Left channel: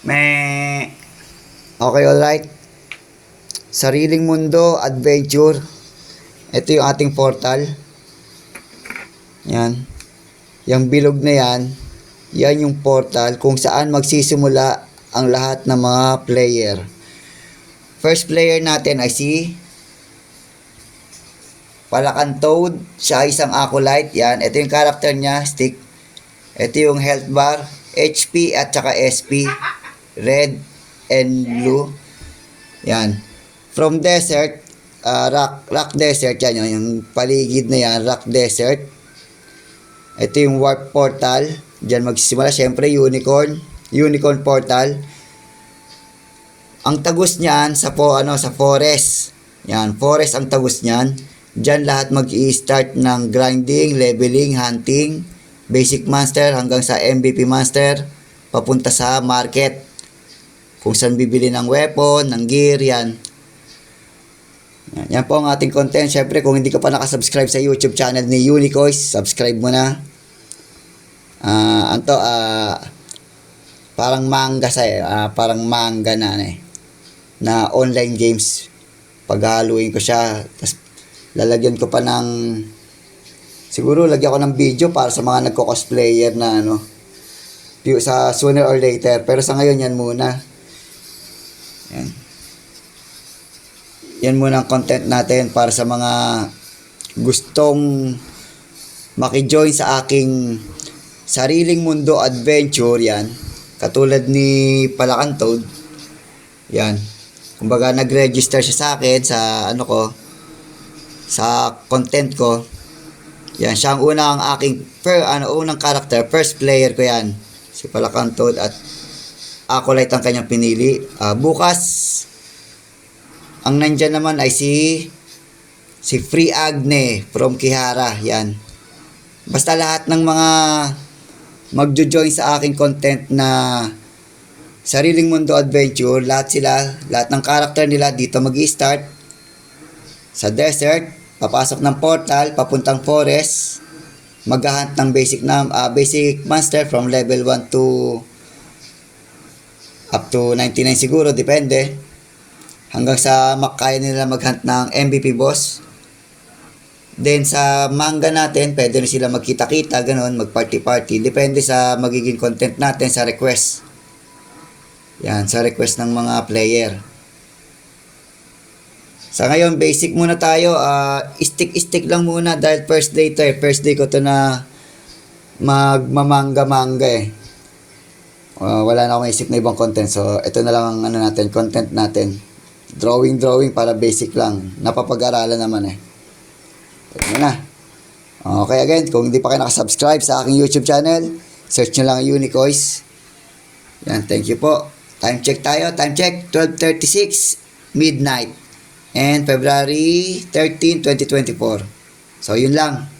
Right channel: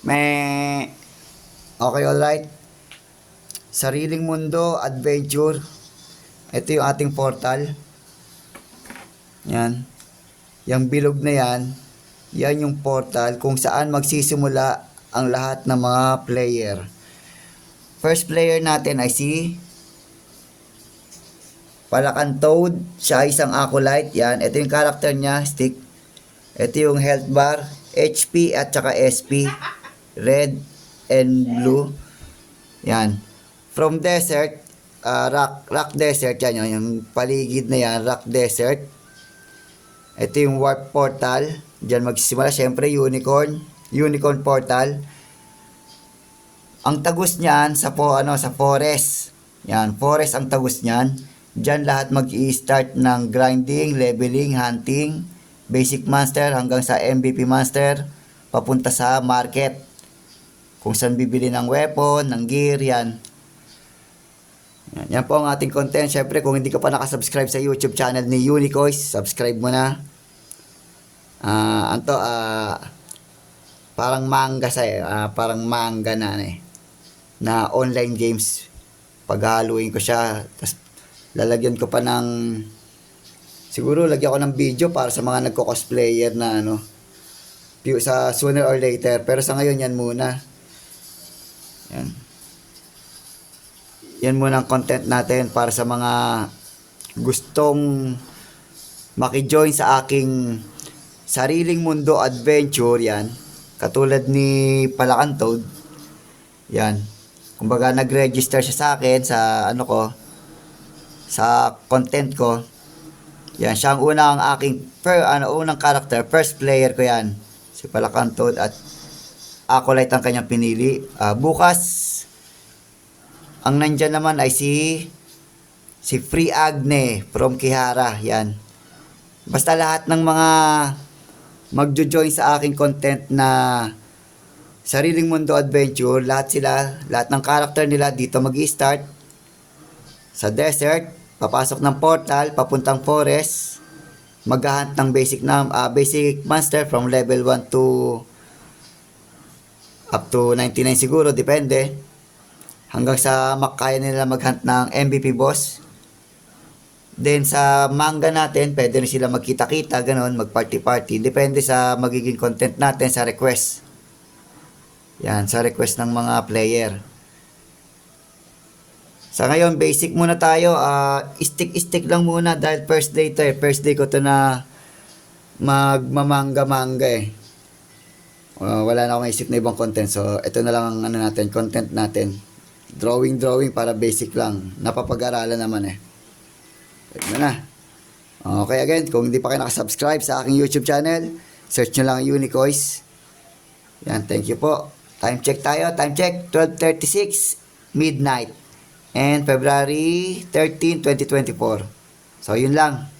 Meh. Okay, alright. Sariling mundo, adventure. Ito yung ating portal. Yan. Yung bilog na yan, yan yung portal kung saan magsisimula ang lahat ng mga player. First player natin ay si Palakan Toad. Siya ay isang acolyte. Yan. Ito yung character niya, stick. Ito yung health bar, HP at saka SP. Red and blue. Yan. From desert, rock desert. Yan yung paligid na yan, rock desert. Ito yung warp portal. Diyan magsisimula. Siyempre, unicorn portal. Ang tagus niyan sa forest. Yan, forest ang tagus niyan. Diyan lahat mag-i-start ng grinding, leveling, hunting, basic monster hanggang sa MVP monster, papunta sa market. Kung saan bibili ng weapon, ng gear, yan. Yan po ang ating content. Siyempre, kung hindi ka pa nakasubscribe sa YouTube channel ni Unicoys, subscribe mo na. Parang manga parang manga na online games. Paghaluin ko siya, tapos lalagyan ko pa ng, siguro lagyan ko ng video para sa mga nagko-cosplayer na sa sooner or later. Pero sa ngayon, yan muna. Yan muna ang content natin para sa mga gustong maki-join sa aking sariling mundo adventure. Yan, katulad ni Palakan Toad. Yan, kumbaga nag-register siya sa akin sa sa content ko. Yan, siya ang unang aking unang character, first player ko yan, si Palakan Toad, at acolyte ang kanyang pinili. Bukas ang nandyan naman ay si Free Agne from Kihara. Yan, basta lahat ng mga magjo-join sa aking content na sariling mundo adventure, lahat ng character nila dito mag-i-start sa desert, papasok ng portal, papuntang forest, mag-hunt ng basic monster from level 1 to up to 99 siguro, depende, hanggang sa makaya nila mag-hunt ng MVP boss. Then sa manga natin, pwede rin sila magkita-kita, ganun, mag-party-party. Depende sa magiging content natin sa request. Yan, sa request ng mga player. Sa ngayon, basic muna tayo. Stick lang muna dahil first day ko to na magmamanga-manga eh. Wala na akong isip na ibang content. So, ito na lang ang content natin. Drawing para basic lang. Napapag-aralan naman eh. Ito na. Okay, again, kung hindi pa kayo nakasubscribe sa aking YouTube channel, search nyo lang Unicoys. Yan, thank you po. Time check tayo. Time check, 12:36 midnight. And February 13, 2024. So, yun lang.